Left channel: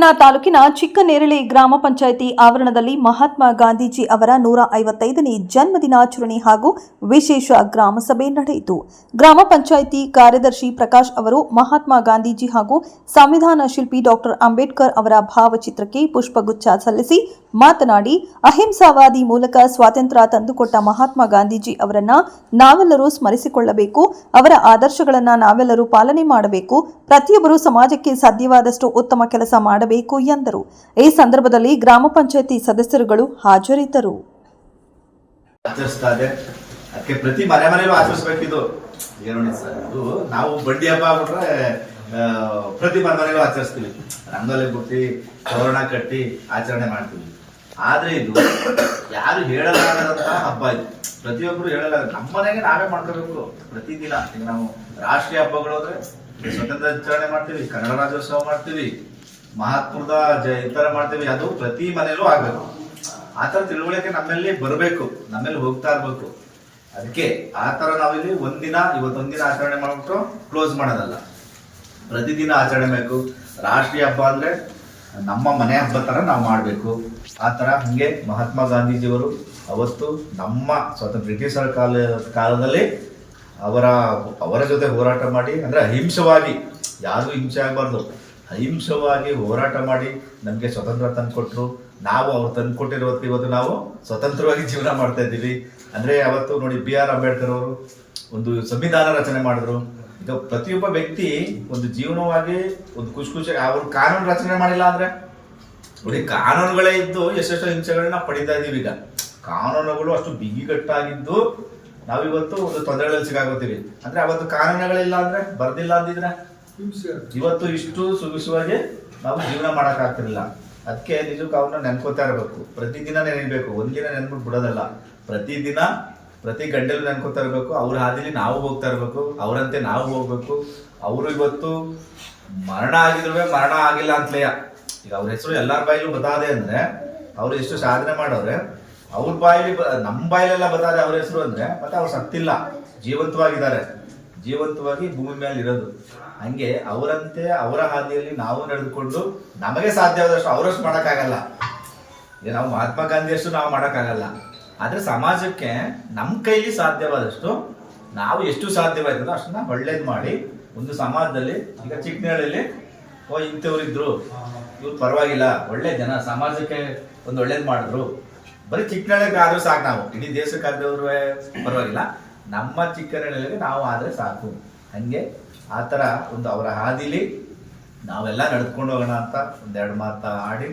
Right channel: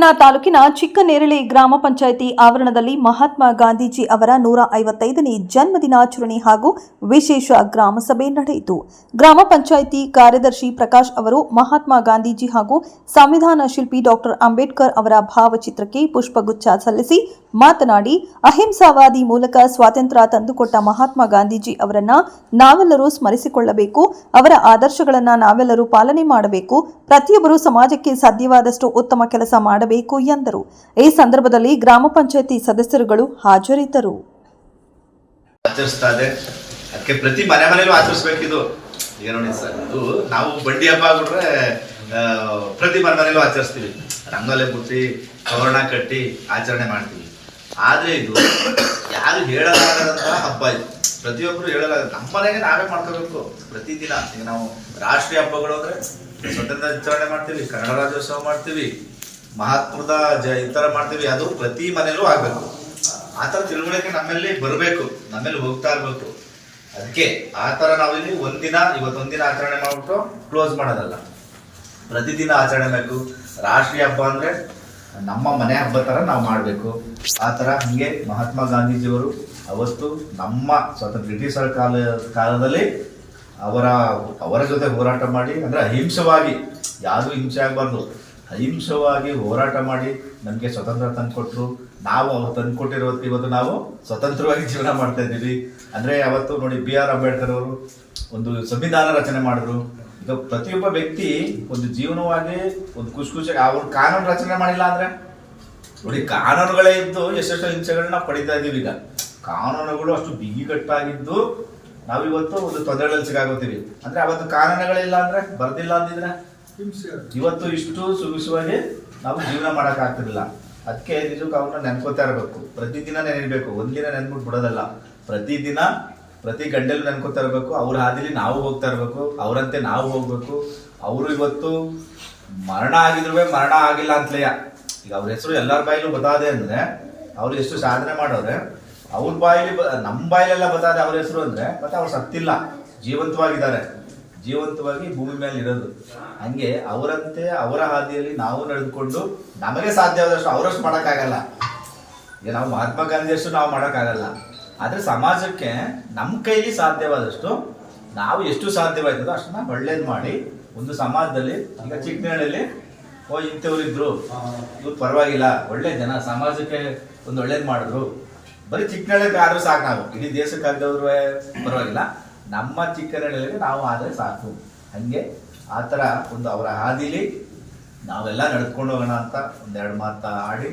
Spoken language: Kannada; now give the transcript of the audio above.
ಚನ್ನರಾಯಪಟ್ಟಣ ತಾಲೂಕಿನ ಚಿಕ್ಕನೇರಳೆ ಗ್ರಾಮ ಪಂಚಾಯಿತಿ ಆವರಣದಲ್ಲಿ ಮಹಾತ್ಮ ಗಾಂಧೀಜಿ ಅವರ 155ನೇ ಜನ್ಮದಿನಾಚರಣೆ ಹಾಗೂ ವಿಶೇಷ ಗ್ರಾಮ ಸಭೆ ನಡೆಯಿತು. ಗ್ರಾಮ ಪಂಚಾಯಿತಿ ಕಾರ್ಯದರ್ಶಿ ಪ್ರಕಾಶ್ ಅವರು ಮಹಾತ್ಮ ಗಾಂಧೀಜಿ ಹಾಗೂ ಸಂವಿಧಾನ ಶಿಲ್ಪಿ ಡಾಕ್ಟರ್ ಅಂಬೇಡ್ಕರ್ ಅವರ ಭಾವಚಿತ್ರಕ್ಕೆ ಪುಷ್ಪಗುಚ್ಛ ಸಲ್ಲಿಸಿ ಮಾತನಾಡಿ, ಅಹಿಂಸಾವಾದಿ ಮೂಲಕ ಸ್ವಾತಂತ್ರ್ಯ ತಂದುಕೊಟ್ಟ ಮಹಾತ್ಮ ಗಾಂಧೀಜಿ ಅವರನ್ನ ನಾವೆಲ್ಲರೂ ಸ್ಮರಿಸಿಕೊಳ್ಳಬೇಕು. ಅವರ ಆದರ್ಶಗಳನ್ನು ನಾವೆಲ್ಲರೂ ಪಾಲನೆ ಮಾಡಬೇಕು. ಪ್ರತಿಯೊಬ್ಬರು ಸಮಾಜಕ್ಕೆ ಸಾಧ್ಯವಾದಷ್ಟು ಉತ್ತಮ ಕೆಲಸ ಮಾಡಬೇಕು ಎಂದರು. ಈ ಸಂದರ್ಭದಲ್ಲಿ ಗ್ರಾಮ ಪಂಚಾಯಿತಿ ಸದಸ್ಯರುಗಳು ಹಾಜರಿದ್ದರು. ಅದಕ್ಕೆ ಪ್ರತಿ ಮನೆಯಲ್ಲೂ ಆಚರಿಸಬೇಕಿದು. ಈಗ ನೋಡಿ ಸರ್, ಅದು ನಾವು ಬಡ್ಡಿ ಹಬ್ಬ ಆಗ್ಬಿಟ್ರೆ ಪ್ರತಿ ಮನೆಯಲ್ಲೂ ಆಚರಿಸ್ತೀವಿ, ರಂಗೋಲಿ ಬಿಟ್ಟು ತೋರಣ ಕಟ್ಟಿ ಆಚರಣೆ ಮಾಡ್ತೀವಿ. ಆದ್ರೆ ಇದು ಯಾರು ಹೇಳಲಾಗದಂತಹ ಹಬ್ಬ ಇದು. ಪ್ರತಿಯೊಬ್ಬರು ಹೇಳಲ್ಲ, ನಮ್ಮ ಮನೆಗೆ ನಾವೇ ಮಾಡ್ಕೋಬೇಕು ಪ್ರತಿದಿನ. ಈಗ ನಾವು ರಾಷ್ಟ್ರೀಯ ಹಬ್ಬಗಳು ಅಂದ್ರೆ ಸ್ವತಂತ್ರ ಆಚರಣೆ ಮಾಡ್ತೀವಿ, ಕನ್ನಡ ರಾಜ್ಯೋತ್ಸವ ಮಾಡ್ತೀವಿ, ಮಹಾತ್ಮದ ಈ ತರ ಮಾಡ್ತೀವಿ. ಅದು ಪ್ರತಿ ಮನೆಯಲ್ಲೂ ಆಗ್ಬೇಕು. ಆ ತರ ತಿಳುವಳಿಕೆ ನಮ್ಮಲ್ಲಿ ಬರಬೇಕು, ನಮ್ಮಲ್ಲಿ ಹೋಗ್ತಾ ಇರ್ಬೇಕು. ಅದಕ್ಕೆ ಆ ತರ ನಾವಿಲ್ಲಿ ಇವತ್ತೊಂದಿನ ಆಚರಣೆ ಮಾಡ್ಬಿಟ್ಟು ಕ್ಲೋಸ್ ಮಾಡೋದಲ್ಲ, ಪ್ರತಿದಿನ ಆಚರಣೆ ಬೇಕು. ರಾಷ್ಟ್ರೀಯ ಹಬ್ಬ ಅಂದ್ರೆ ನಮ್ಮ ಮನೆ ಹಬ್ಬ ತರ ನಾವು ಮಾಡಬೇಕು. ಆ ತರ ಹಂಗೆ ಮಹಾತ್ಮ ಗಾಂಧೀಜಿಯವರು ಅವತ್ತು ನಮ್ಮ ಬ್ರಿಟಿಷರ ಕಾಲದಲ್ಲಿ ಅವರ ಜೊತೆ ಹೋರಾಟ ಮಾಡಿ, ಅಂದ್ರೆ ಅಹಿಂಸವಾಗಿ, ಯಾರಿಗೂ ಹಿಂಸೆ ಆಗಬಾರ್ದು, ಅಹಿಂಸವಾಗಿ ಹೋರಾಟ ಮಾಡಿ ನಮಗೆ ಸ್ವತಂತ್ರ ತಂದುಕೊಟ್ರು. ನಾವು ಅವ್ರು ತಂದುಕೊಟ್ಟಿರೋದಕ್ಕೆ ಇವತ್ತು ನಾವು ಸ್ವತಂತ್ರವಾಗಿ ಜೀವನ ಮಾಡ್ತಾ ಇದ್ದೀವಿ. ಅಂದ್ರೆ ಅವತ್ತು ನೋಡಿ, BR ಅಂಬೇಡ್ಕರ್ ಅವರು ಒಂದು ಸಂವಿಧಾನ ರಚನೆ ಮಾಡಿದ್ರು. ಈಗ ಪ್ರತಿಯೊಬ್ಬ ವ್ಯಕ್ತಿ ಒಂದು ಜೀವನವಾಗಿ ಒಂದು ಖುಷಿಯಾಗಿ ಅವ್ರು ಕಾನೂನು ರಚನೆ ಮಾಡಿಲ್ಲ ಅಂದ್ರೆ ನೋಡಿ, ಕಾನೂನುಗಳೇ ಇದ್ದು ಎಷ್ಟೆಷ್ಟೋ ಹಿಂಸೆಗಳನ್ನ ಪಡಿತಾ ಇದೀವಿ. ಈಗ ಕಾನೂನುಗಳು ಅಷ್ಟು ಬಿಗಿಗಟ್ಟಾಗಿದ್ದು ನಾವಿವತ್ತು ಒಂದು ತೊಂದರೆಗಳಲ್ಲಿ ಸಿಗಾಗೋತೀವಿ. ಅಂದ್ರೆ ಅವತ್ತು ಕಾನೂನುಗಳಿಲ್ಲ ಅಂದ್ರೆ, ಬರ್ದಿಲ್ಲ ಅಂದಿದ್ರೆ ಇವತ್ತು ಇಷ್ಟು ಸುಗಸವಾಗಿ ನಾವು ಜೀವನ ಮಾಡಕ್ ಆಗ್ತಿರ್ಲಿಲ್ಲ. ಅದಕ್ಕೆ ನಿಜಕ್ಕೂ ಅವ್ರನ್ನ ನೆನ್ಕೋತಾ ಇರಬೇಕು, ಪ್ರತಿದಿನ ನೆನೆಯಬೇಕು. ಒಂದಿನ ನೆನ್ಬಿಟ್ಟು ಬಿಡೋದಲ್ಲ, ಪ್ರತಿದಿನ ಪ್ರತಿ ಗಂಟೆಲೂ ನೆನ್ಕೋತಾ ಇರಬೇಕು. ಅವ್ರ ಹಾದಿಲಿ ನಾವು ಹೋಗ್ತಾ ಇರಬೇಕು, ಅವರಂತೆ ನಾವು ಹೋಗ್ಬೇಕು. ಅವರು ಇವತ್ತು ಮರಣ ಆಗಿದ್ರು ಮರಣ ಆಗಿಲ್ಲ ಅಂತಲೇ. ಈಗ ಅವ್ರ ಹೆಸರು ಎಲ್ಲರ ಬಾಯಿಲೂ ಬತಾದೆ ಅಂದ್ರೆ ಅವ್ರು ಎಷ್ಟು ಸಾಧನೆ ಮಾಡೋರೆ. ಅವ್ರ ಬಾಯಿಲಿ ನಮ್ಮ ಬಾಯಿಲೆಲ್ಲ ಬತಾದೆ ಅವ್ರ ಹೆಸರು ಅಂದ್ರೆ ಮತ್ತೆ ಅವ್ರು ಸತ್ತಿಲ್ಲ, ಜೀವಂತವಾಗಿದ್ದಾರೆ, ಜೀವಂತವಾಗಿ ಭೂಮಿ ಮೇಲೆ ಇರೋದು. ಹಂಗೆ ಅವರಂತೆ ಅವರ ಹಾದಿಯಲ್ಲಿ ನಾವು ನಡೆದುಕೊಂಡು ನಮಗೆ ಸಾಧ್ಯವಾದಷ್ಟು ಅವರಷ್ಟು ಮಾಡೋಕ್ಕಾಗಲ್ಲ. ಈಗ ನಾವು ಮಹಾತ್ಮ ಗಾಂಧಿಯಷ್ಟು ನಾವು ಮಾಡೋಕ್ಕಾಗಲ್ಲ. ಆದ್ರೆ ಸಮಾಜಕ್ಕೆ ನಮ್ಮ ಕೈಲಿ ಸಾಧ್ಯವಾದಷ್ಟು ನಾವು ಎಷ್ಟು ಸಾಧ್ಯವಾಯ್ತದೋ ಅಷ್ಟನ್ನ ಒಳ್ಳೇದು ಮಾಡಿ ಒಂದು ಸಮಾಜದಲ್ಲಿ, ಈಗ ಚಿಕ್ಕನೇಳಲ್ಲಿ ಇಂಥವ್ರಿದ್ರು, ಇವ್ರು ಪರವಾಗಿಲ್ಲ, ಒಳ್ಳೆ ಜನ, ಸಮಾಜಕ್ಕೆ ಒಂದು ಒಳ್ಳೇದು ಮಾಡಿದ್ರು, ಬರೀ ಚಿಕ್ಕನೇಳಿಗೆ ಆದ್ರೂ ಸಾಕು. ನಾವು ಇಡೀ ದೇಶಕ್ಕೆ ಆಗದವ್ರು ಪರವಾಗಿಲ್ಲ, ನಮ್ಮ ಚಿಕ್ಕನೇಳಿಗೆ ನಾವು ಆದ್ರೆ ಸಾಕು. ಹಂಗೆ ಆ ಥರ ಒಂದು ಅವರ ಹಾದಿಲಿ ನಾವೆಲ್ಲ ನಡೆದುಕೊಂಡು ಹೋಗೋಣ ಅಂತ ಒಂದೆರಡು ಮಾತು ಆಡಿ